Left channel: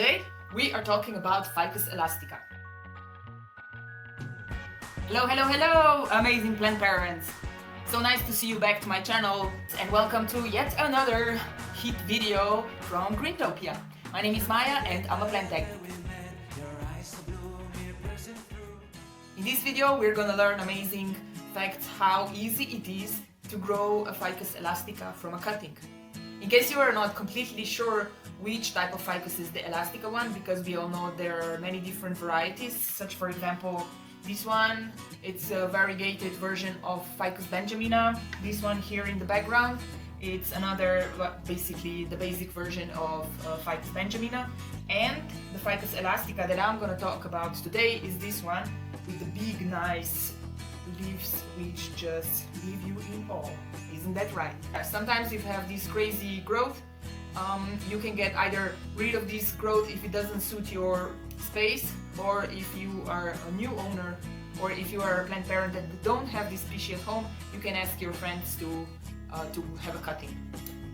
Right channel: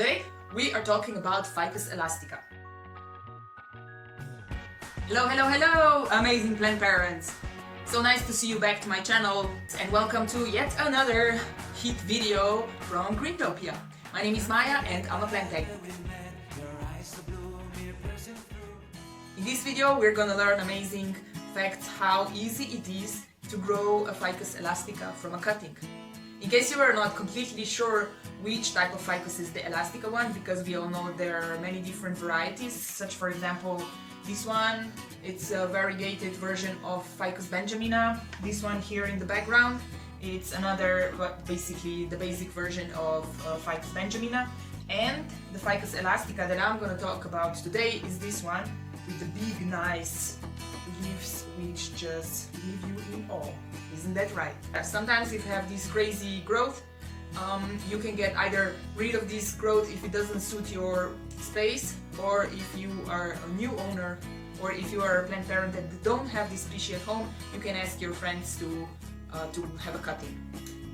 Today we are talking about Ficus elastica. Hello, amazing plant parents! So nice to see you back to my channel and welcome to yet another hit video from Greentopia. My name is Maya and I'm a plant tech. In this video we're gonna learn amazing facts how easy it is to grow a Ficus elastica from a cutting. In case you are not completely sure which type of ficus is the elastica one, because we all know there are many different varieties, such for example this one, it's a variegated version of Ficus benjamina. This one here in the background, it's another, basically the basic version of Ficus benjamina. And the Ficus elastica that I'm going to talk about today is this one with the big nice leaves which just leave you in awe. Isn't that right? Sometimes if you have this crazy growth, you can get either rid of this growth if it doesn't suit your space, or if you are a new owner, or if you are a plant parent that don't have this species at home, you can ask your friends to have a cutting.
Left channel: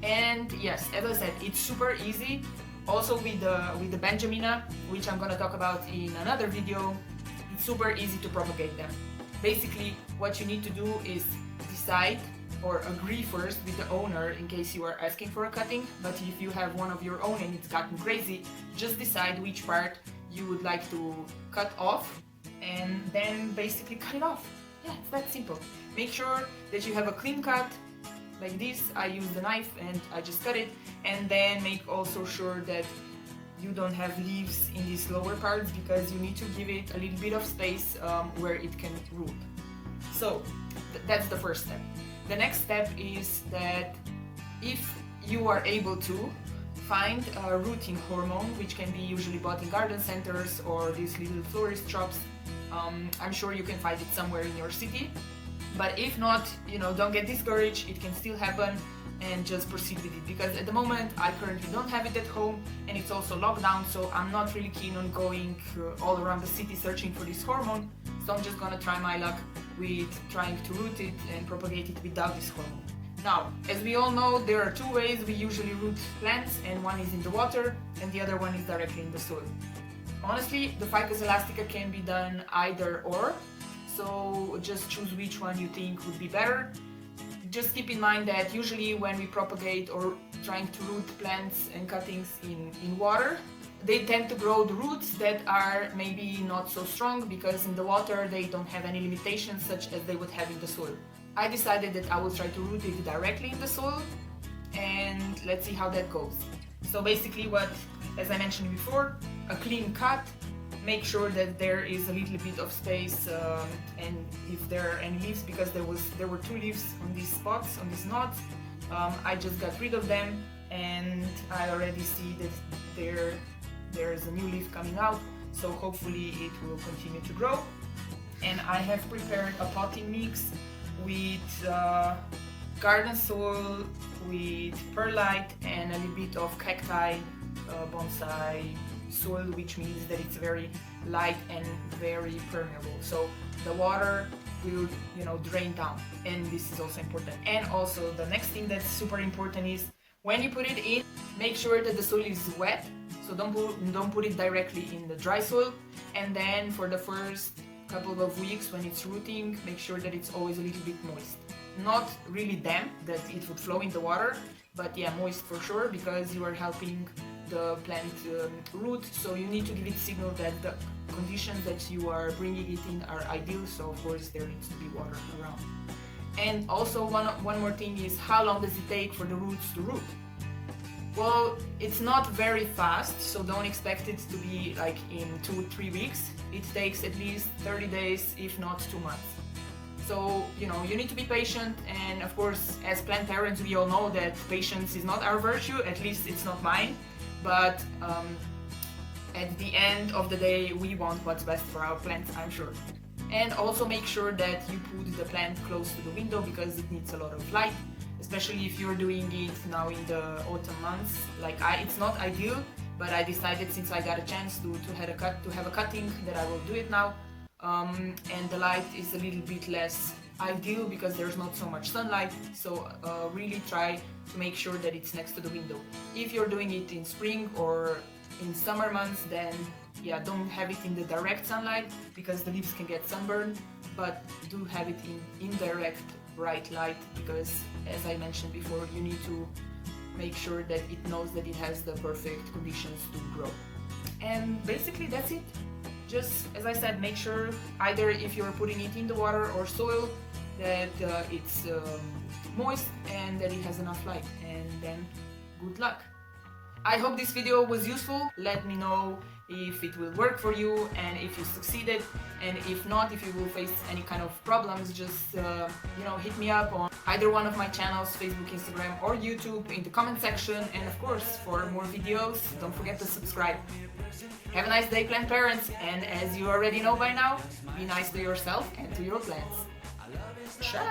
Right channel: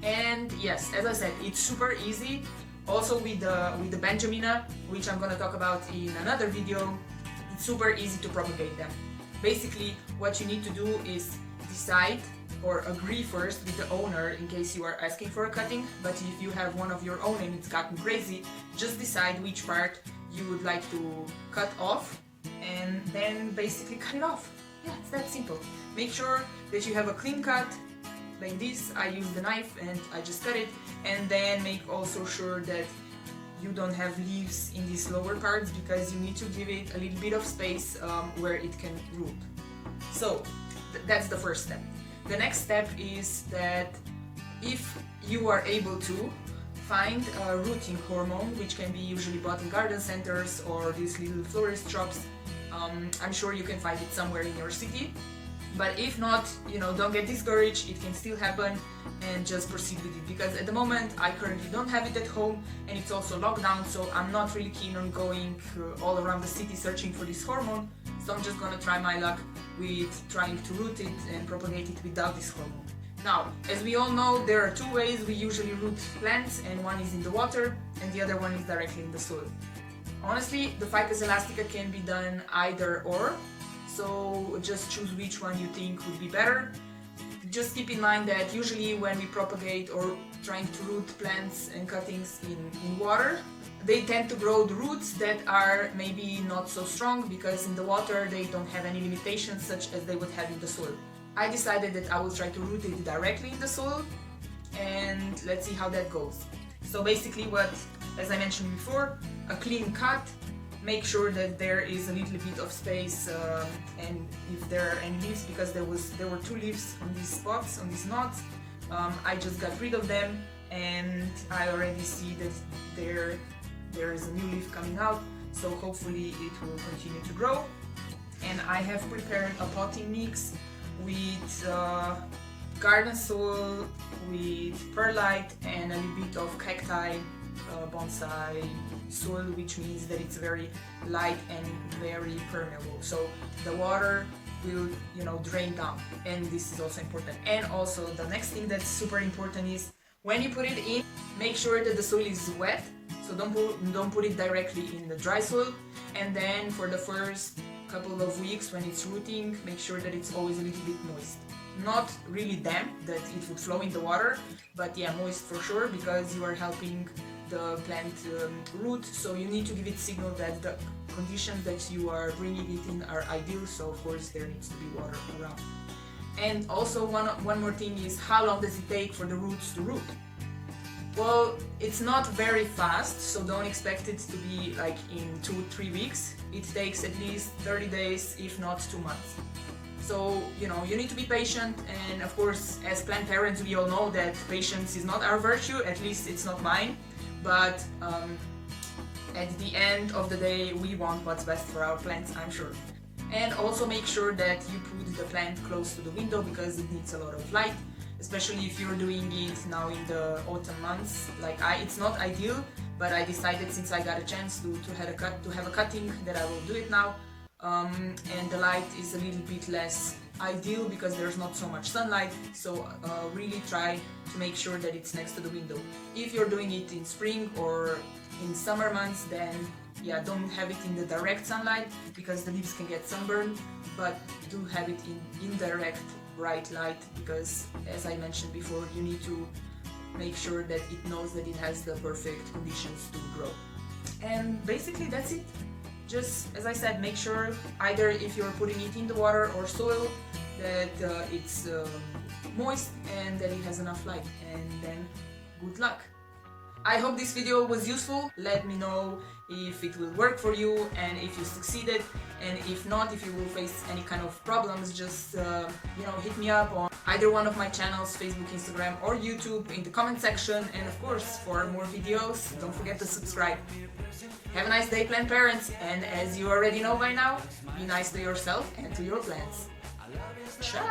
And yes, as I said, it's super easy. Also with the benjamina, which I'm gonna talk about in another video, it's super easy to propagate them. Basically, what you need to do is decide or agree first with the owner in case you are asking for a cutting. But if you have one of your own and it's gotten crazy, just decide which part you would like to cut off and then basically cut it off. Yeah, it's that simple. Make sure that you have a clean cut like this. I use the knife and I just cut it, and then make also sure that you don't have leaves in these lower parts, because you need to give it a little bit of space where it can root. So that's the first step. The next step is that if you are able to find a rooting hormone, which can be usually bought in garden centers or these little florist shops, I'm sure you can find it somewhere in your city. But if not, don't get discouraged, it can still happen, and just proceed with it. Because at the moment I currently don't have it at home, and it's also locked down, so I'm not really keen on going all around the city searching for this hormone. So I'm just gonna try my luck with trying to root it and propagate it without this hormone. Now, as we all know, there are two ways we usually root plants, and one is in the water and the other one is directly in the soil. Honestly, the Ficus elastica can be done either or, so just choose which one you think would be better. Just keep in mind that usually when we propagate or trying to root plants and cuttings in water, they tend to grow the roots that are maybe not so strong, because in the water they don't have any limitations such as they would have in the soil. I decided that I will try to root it directly in the soil, and let's see how that goes. So basically, as I mentioned before, a clean cut. Make sure that there is a little bit of space, and if there are any leaves, because there were two leaves on these spots, on these knots, I just got rid of them, and I already see that there is a new leaf coming out, so hopefully it will continue to grow. And I have prepared a potting mix with garden soil, with perlite, and a little bit of cacti bonsai soil, which means that it's very light and very permeable, so the water will drain down, and this is also important. And also the next thing that's super important is when you put it in, make sure that the soil is wet, so don't put it directly in the dry soil. And then for the first couple of weeks when it's rooting, make sure that it's always a little bit moist, not really damp that it would flow in the water, but yeah, moist for sure, because you are helping the plant root, so you need to give it signal that the conditions that you are bringing it in are ideal, so of course there needs to be water around. And also one more thing is, how long does it take for the roots to root? Well, it's not very fast, so don't expect it to be like in 2-3 weeks. It takes at least 30 days, if not 2 months. So, you need to be patient, and of course, as plant parents, we all know that patience is not our virtue, at least it's not mine. But at the end of the day, we want what's best for our plants, I'm sure. And also make sure that you put the plant close to the window, because it needs a lot of light, especially if you're doing it now in the autumn months. Like it's not ideal, but I decided, since I got a chance to have a cutting, that I will do it now. And the light is a little bit less ideal because there's not so much sunlight, so really try to make sure that it's next to the window. If you're doing it in spring or in summer months, then yeah, don't have it in the direct sunlight because the leaves can get sunburned, but do have it in indirect bright light because, as I mentioned before, you need to make sure that it knows that it has the perfect conditions to grow. And basically that's it. Just as I said, make sure either if you're putting it in the water or soil that it's moist and that it has enough light, and then good luck. I hope this video was useful. Let me know if it will work for you and if you succeeded, and if not, if you will face any kind of problems, just hit me up on either one of my channels, Facebook, Instagram or YouTube, in the comment section. And of course, for more videos, don't forget to subscribe. Have a nice day, plant parents, and as you already know by now, be nice to yourself and to your plants. Ciao!